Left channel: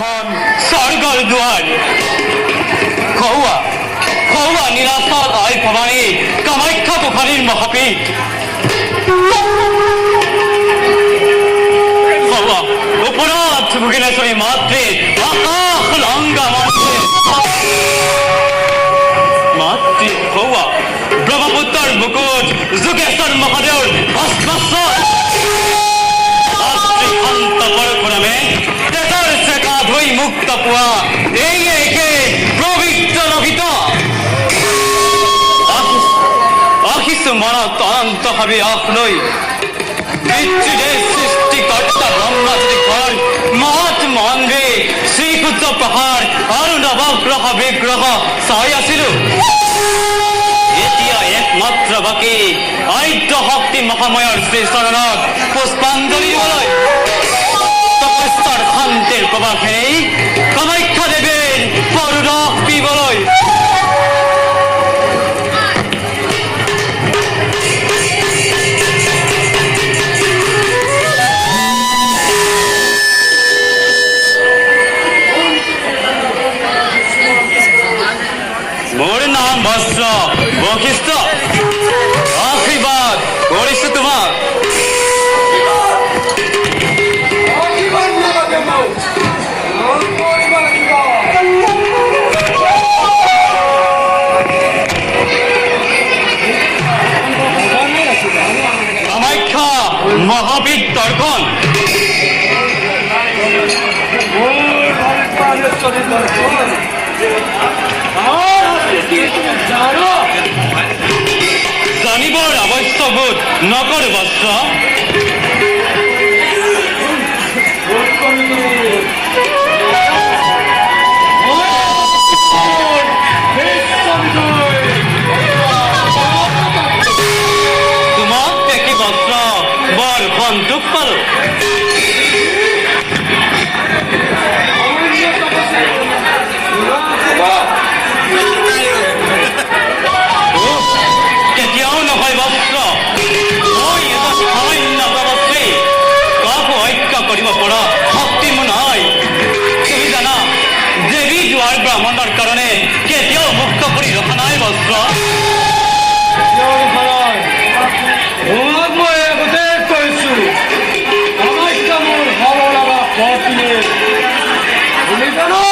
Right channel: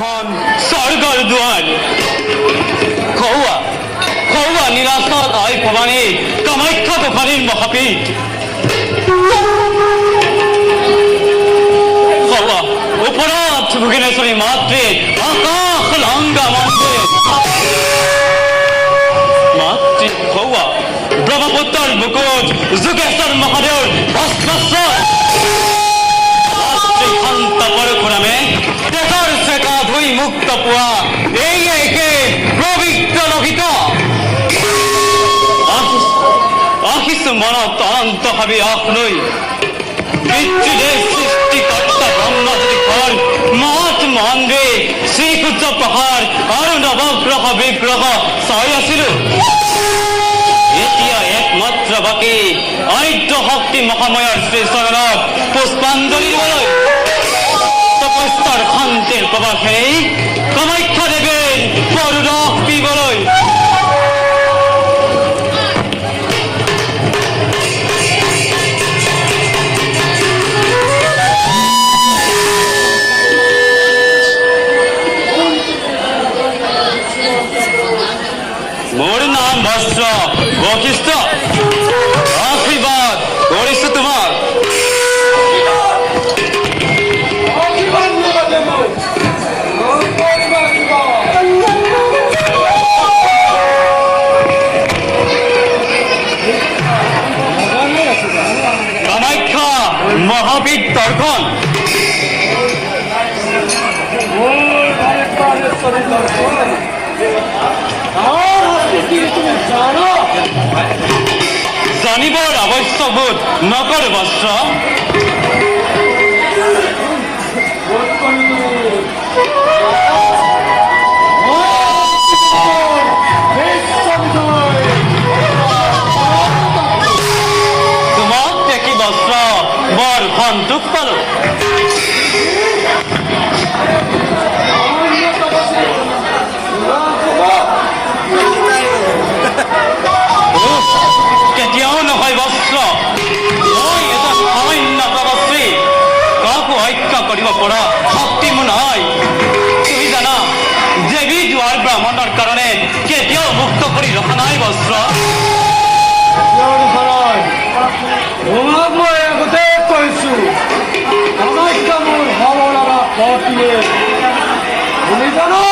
এখন স্বৰ্গৰ দুৱাৰ খোৱা নিৰাপদ হৈ ভৱানী কামাখ্যা গোসানীৰ মহাপীঠ ওপৰত ভুগিলেশ্বৰী মাতৃ আকাশ লংঘা মাতৃ খোৱা ব্ৰহ্মপুত্ৰৰ বুকুত যোগেশ্বৰ মহাদেৱৰ অস্পষ্ট শান্ত পৰশুৰামে দেশৰ চেতা ধুই মুক্ত পোৱা এই একে পবিত্ৰ লোহিত আহিছো মনত অন্তভাৱে আপলৈ বিচ্ছিদেৰ সৃষ্টিকৰ্তা ব্ৰহ্মা যদি ঘৰ মহৎ মহানবে শ্ৰীসূৰ্য প্ৰহাৰ আৰু নৱগ্ৰহ বিগ্ৰহ চাই আছিলো এতিয়া একমাত্ৰ বাকী আদ্য শক্তি মহাময়ৰ শ্ৰীচৰণত পুষ্পাঞ্জলি দিবলৈ তপস্যাৰ শান্তিৰ প্ৰবাসেই কামাখ্যা দেৱীৰ পৰৰস পিবলৈ মোৰ নাম ভস্ৰ বশিষ্ঠ আশীৰ্বাদ কৰিছো তোমাক কামাখ্যা মহাপীঠ দৰ্শন জানিবৰ আৱশ্যকবোধ নকৰে বস্ত্ৰ তোমাক দেখি বস্ত্ৰ বৰ সন্তোষ পালো কেতিয়াও নহয় বস্ত্ৰ মই এটা সামান্য পদশ্ৰী কাকো হত্যা কৰিব পৰা শক্তি মোৰ নহয় তুমি জানা দেৱী যোৱাৰ ব্ৰাহ্মণৰ কাৰণে কেতিয়াও মুক্ত কৰি ৰখা নাই বস্ত্ৰ তোমাক মই গোটেই কৈছো কামাখ্যা মোৰ ভাল লগা পত্নী তুমি জানো